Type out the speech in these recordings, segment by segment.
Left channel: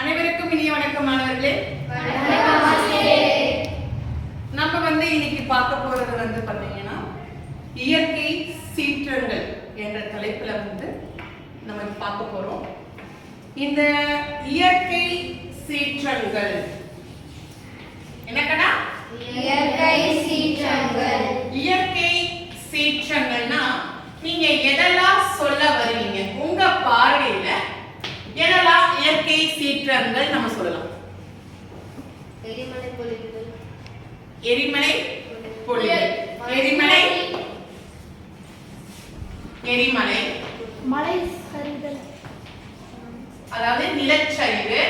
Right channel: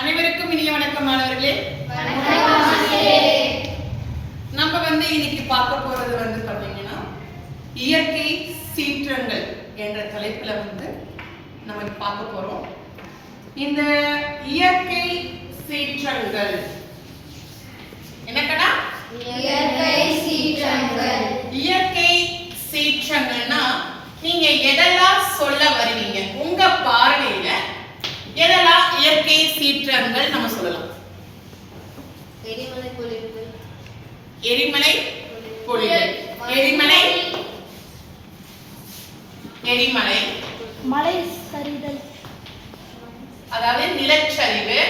அனைவருக்கும் இனிய வணக்கம் மாணவர்களே. நம்ம இன்னைக்கு பார்க்க போறது பாத்தீங்கன்னா இயற்கை சீற்றங்கள் என்ற தலைப்புல நம்ம பார்க்க போறோம். இந்த இயற்கை சீற்றங்கள் என்னக்கடா? இயற்கை சீற்றங்கள். இயற்கை சீற்றங்கள்னா நீங்க எதெல்லாம் சொல்ல வருவீங்க? உங்க பார்வையில எதெல்லாம் இயற்கை சீற்றங்கள் நம்ம சொல்லலாம்? எரிமலை பொழிவுகள். எரிமலை பொழிவுகள். எரிமலை எரிமலை மலை சரிதல், அதாவது நிலச்சரிவு.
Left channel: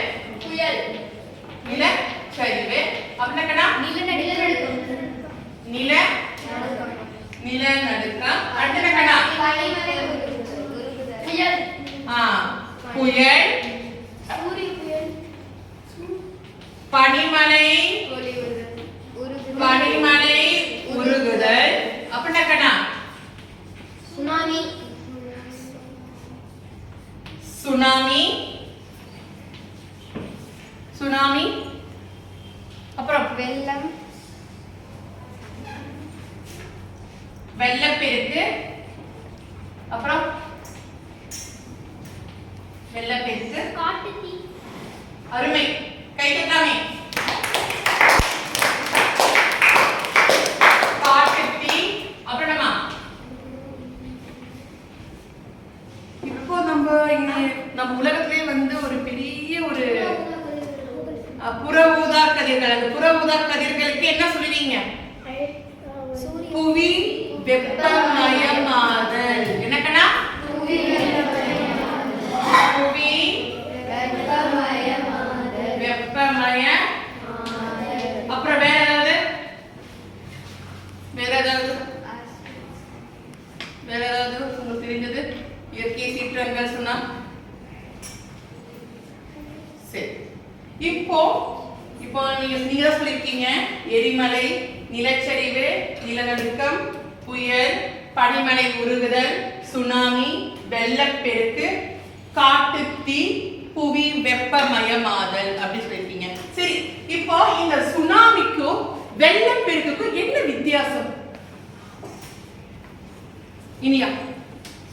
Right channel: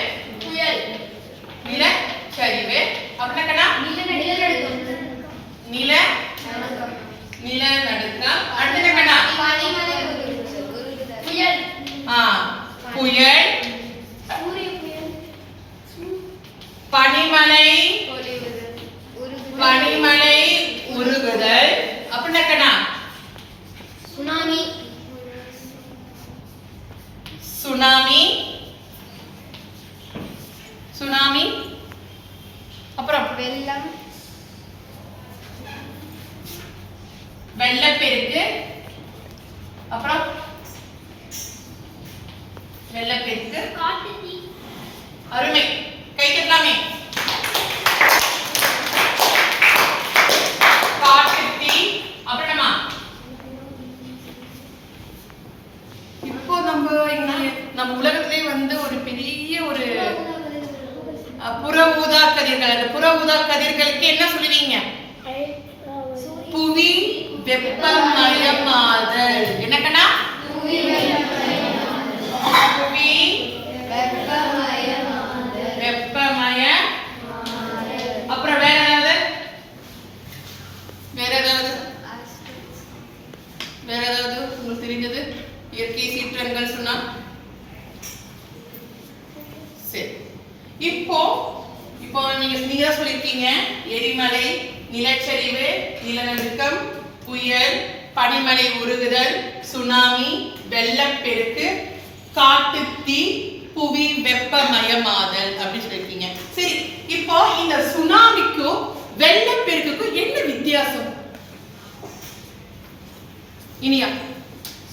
புயல், நிலச்சரிவு அப்படின்னா நிலநடுக்கம். அடுத்ததுன்னா புயல், புயல், பனிமலை, பனிமலை உருகுதல். அப்படின்னா சுனாமி, சுனாமி, சுனாமி. அப்புறம் வெள்ளம், வெள்ளப்பெருக்கு. அப்புறம் வெள்ளப்பெருக்கு. காட்டுத்தீ. அருமை, கை தட்டலாமே. காட்டுத்தீ. அப்புறமா இப்போ நம்ம உலகத்திலே ஒரு பெரிய ஒரு புற ஊதா கதிர்கள். அந்த புற ஊதா கதிர்களுக்கு என்ன சொல்லுவீங்க? புவி வெப்பமயமாதல். என்னக்கண்ணா? புவி வெப்பமய. அப்புறம் வேற ஏதாவது? வேற ஏதாவது உங்களுக்கு தெரிஞ்சது இயற்கை சீற்றங்கள் சொன்னா? சரி, இப்போ நீங்க தான் சொல்லிருக்கீங்க எரிமலை, நிலச்சரிவு, நிலநடுக்கம், புயல், பனிமலை உருகுதல், சுனாமி, வெள்ளப்பெருக்கு, காட்டுத்தீ, புவி வெப்பமயமாதல் அப்படி சொல்லிருக்கீங்க. சரி, இப்போ இந்த சுனாமிக்கும் வெள்ளப்பெருக்குக்கும் என்ன வித்தியாசம்? இனியா?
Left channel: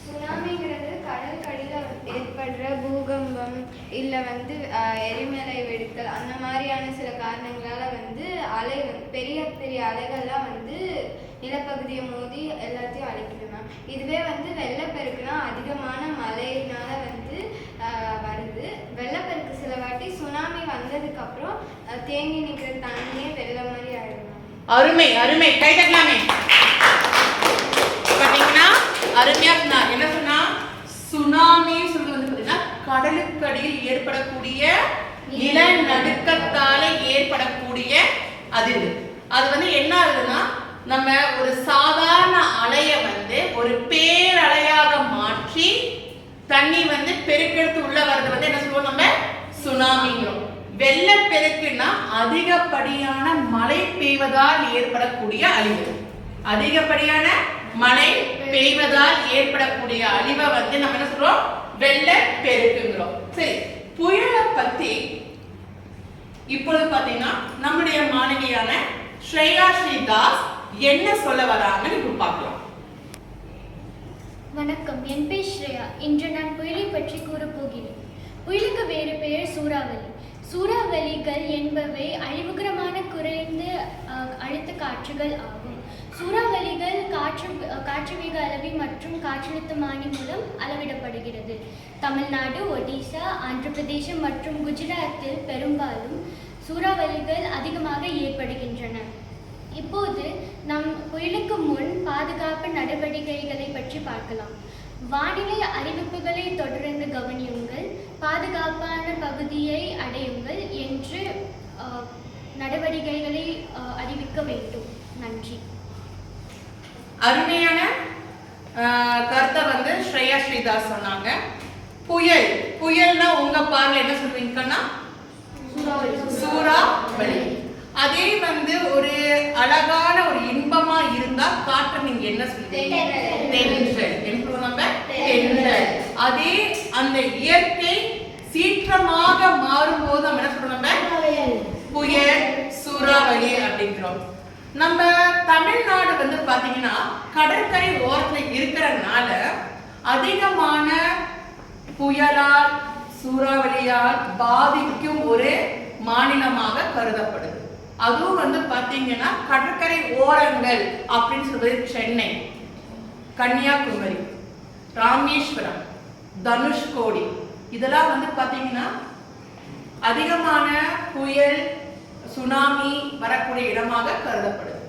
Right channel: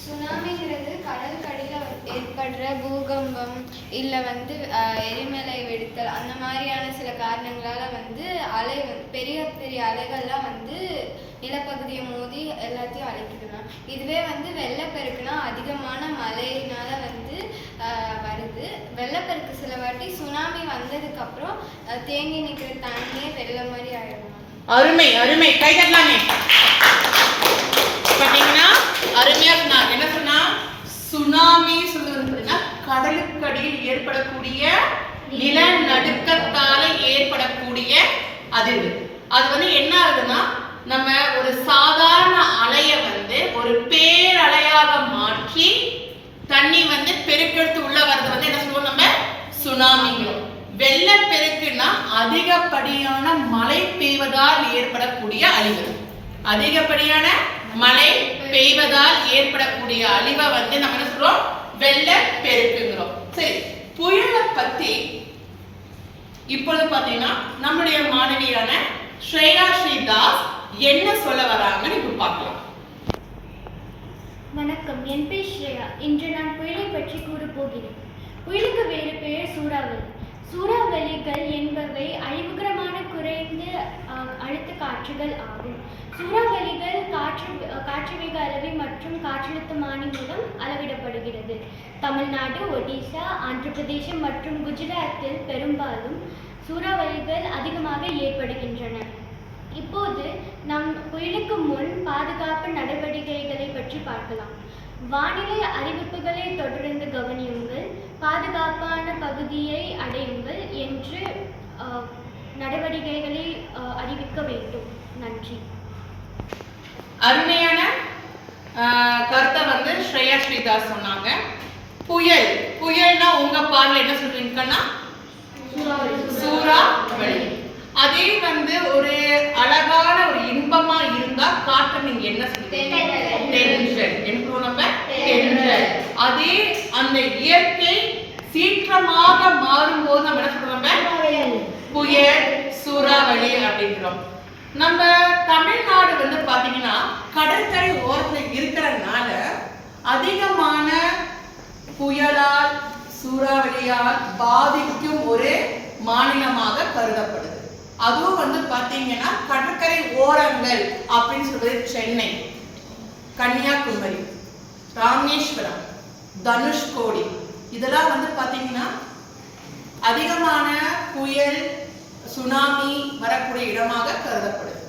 சுனாமிங்கிறது கடற்கடியில ஏற்படுற பூகம்பம் இல்ல எரிமலை வெடித்தல் அந்த மாதிரியான சில காரணங்களால அலை பெரிய பெரிய அலைகள்லாம் நிலப்பகுதியை மோதி எல்லாத்தையும் அழைக்குது மேம். இதுவே வெள்ளப்பெருக்குனா அதிகமான மழையினால வருது. வெள்ளப்பெருக்கு சில வாட்டி சுனாமி வந்ததுக்கு அப்புறம் தேங்கி நிற்கிற தண்ணியே வெள்ளம் மாதிரி ஆயிடும். அருமை அருமை, கை தட்டலாமே. பாத்தீங்கன்னா அருமையா சொன்னா. என்ன சொன்னா? சுனாமி சொல்றது பாத்தீங்கன்னா கடலுக்கடியில் ஏற்படக்கூடிய நிலநடுக்கத்தால ஏற்படக்கூடிய அதிர்வு. அது என்ன ஆகுதுன்னா நம்ம ஒரு சாதாரண அலைய ஒரு பேரலையாக மாற்றி தண்ணி பெருக்கெடுத்து உள்ள வர்றது என்ன சொல்லுவோம்? நம்ம சுனாமிங்கிறோம். வெள்ளப்பெருக்குன்னா அதிகப்படியான மழை பெய்வதால் ஏற்படக்கூடிய அழிவு. அதிகப்படியான மழை பெய்வதால் ஏற்படக்கூடிய அழிவை நம்ம என்ன சொல்றோம்? வெள்ளப்பெருக்குங்கிறோம். சரி, புயலை பத்தி இப்பொழுது பாத்தீங்கன்னா நம்முடைய மாணவியான ஸ்ரேயா ஸ்ரீதாஸ் என்ன சொல்ல வராங்கன்னு இப்ப பார்க்கலாம். வணக்கம், என் பேர் ஸ்ரேயா. இன்று நான் புயலை பற்றி கூறப்போகிறேன். புயலுக்கு வேறு பெயர் சூறாவளி. சூறாவளிகள் என்பவை அழிவுகரமான குறைந்த அழுத்த காற்றுகள் ஆகும். சூறாவளிகள் காற்று வேக அளவி மற்றும் காற்றழுத்தமானி மூலம் அளவிடப்படுகிறது. தமிழ்நாடு, ஒடிசா, ஆந்திர பிரதேசம் மற்றும் குஜராத்தில் பெரும்பாலும் சூறாவளிகள் அதிகமாக ஏற்படுகின்றன. இப்போது நம் புயலுக்கு முன் பாதுகாப்பு நடவடிக்கைகளை பற்றி பார்க்கலாம். வானிலை அறிவிப்புகளை தொடர்ந்து கவனியுங்கள், பாதுகாப்பான பகுதியை அடையுங்கள் என்று நடவடிக்கைகளை அறிவிக்க வேண்டும். நன்றி. அருமையான கருத்தை ஸ்ரேயா ஸ்ரீதாஸ் சொன்னாங்க. புயல்னா உங்க பார்வையில் என்ன சொல்றீங்கன்னா? சூறாவளி. அதே ஒரு அழகான ஒரு இன்பமா இருந்தா காற்று நீங்க என்ன சொல்றீங்க? தென்றல். என்ன சொல்றோம்? நம்ம தென்றல். அதே அந்த இயற்கை சீற்றமாக மாறும்போது நம்ம என்ன சொல்றோம்? நம்ம புயல், சூறாவளி அப்படிங்கிறோம். நம்ம தமிழ்நாடு வந்து பாத்தீங்கன்னா கடற்கரை ஓரத்துல இருக்கிறதுனால அதிகமான புயலால் சூறாவளியால் பாதிக்கும் ஒரு மாநிலமாக கருதப்படுது. அதுவும் வந்து பாத்தீங்கன்னா கடற்கரை ஓரங்கள் அப்படின்னு சொல்றது சென்னை, கன்னியாகுமரி, ராமேஸ்வரம், தனுஷ்கோடி இதெல்லாம் வந்து பாத்தீங்கன்னா அதிகமான புயல் சுனாமி வரக்கூடிய இடமாக கருதப்படுது.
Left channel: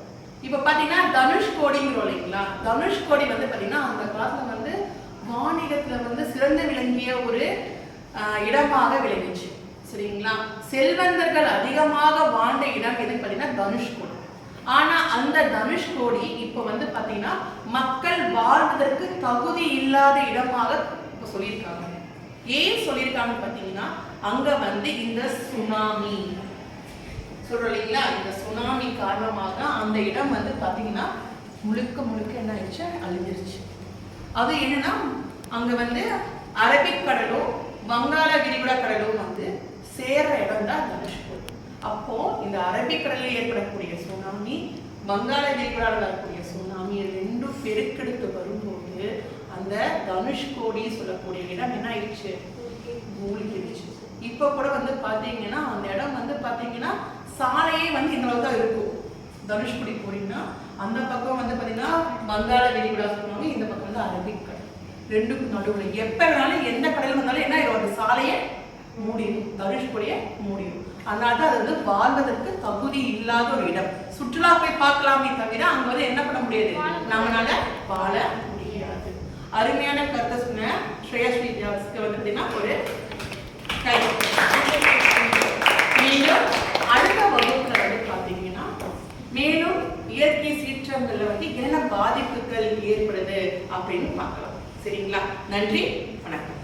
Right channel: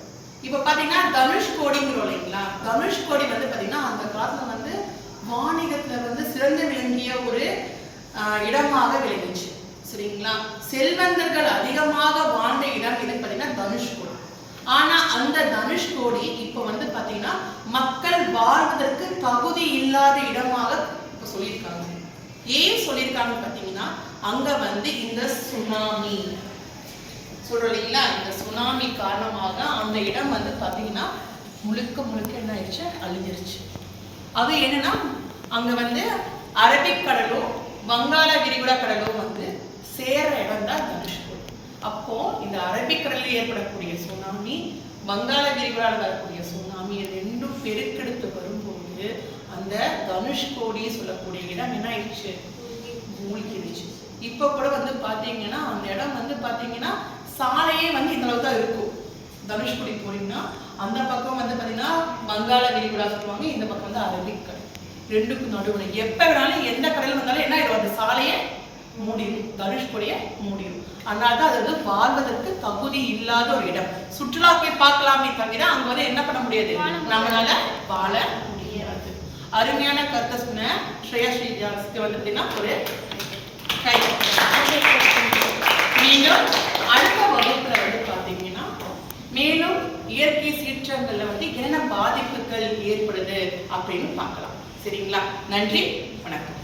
இப்ப பாத்தீங்கன்னா தனுஷ்கோடிங்கிறோம் இல்லைங்களா? தனுஷ்கோடி வந்து பாத்தீங்கன்னா அந்த காலத்துல வந்து வாணிகத்துல வந்து சிறந்து விளங்கிய ஒரு இடமாக விளங்குச்சு. சரிங்களா? செல்வந்தர்கள் அதிகமாக வாழ்ந்த இடம் எதுன்னு பாத்தீங்கன்னா தனுஷ்கோடி. ஆனா அந்த தனுஷ்கோடி இப்ப வந்து பாத்தீங்கன்னா மக்கள் வாழ்வதற்கு தகுதி இல்லாத இடமாக இப்ப சொல்லியிருக்காங்க. ஏன் சொல்லியிருக்காங்க பாத்தீங்கன்னா அங்க வந்து இந்த சுனாமி சொல்றோம் இல்லைங்களா? இந்த சுனாமி காரணமாக அந்த இடம் வந்து பாத்தீங்கன்னா முழுக்க முழுக்க என்ன ஆயிடுச்சு? அழிஞ்சிருச்சு. அது என்னன்னா அங்க வந்து அரபிக் கடலும் வங்காள விரிகுடா கடலும் வந்து சேர்ற இடம் தான் தனுஷ்கோடி. அப்போ இந்த அரபிக்கடலில் ஏற்படக்கூடிய சுனாமி, வங்காள விரிகுடாவில் வரக்கூடிய சுனாமி ரெண்டும் பெருக்கெடுத்து வரும்போது அந்த தனுஷ்கோடி சொல்லக்கூடிய இடம் என்ன ஆயிடுச்சு? மூழ்கிடுச்சு. இப்ப கூட வந்து பாத்தீங்கன்னா அந்த இடம் வந்து பாத்தீங்கன்னா சாலையே வந்து இந்த அளவு தான் இருக்கும். தனுஷ்கோடி போறீங்கன்னா அந்த பக்கம் வந்து பாத்தீங்கன்னா வங்காள விரிகுடா சொல்லுவாங்க, இந்த பக்கம் வந்து அரபிக்கடல். ரெண்டுக்கும் நடுவில் எப்ப வேணாலும் எந்த கடல் வந்தாலும் என்ன ஆயிடும்? அந்த சாலையை மூடிடும், தனுஷ்கோடியை மூடிடும். அதனாலதான் அது வந்து வாழ்வதற்கு தகுதி இல்லாத ஒரு இடம். சுற்றுலா போய் பார்க்கலாமே தவிர அங்க வந்து என்ன பண்ண முடியாது, நம்மளால வாழ முடியாது. அருமையான கருத்தை சொன்ன ஸ்ரேயா ஸ்ரீஜாஸ்க்கு வந்து பாத்தீங்கன்னா ஒரு கை. மீண்டும் அடுத்த வகுப்புல வந்து பாத்தீங்கன்னா மேலும் இயற்கை சீற்றங்கள்ல வந்து என்ன பாதிப்புகள் ஏற்படுது அப்படின்னு பார்க்கலாம். சரிங்களா? நன்றி, வணக்கம்.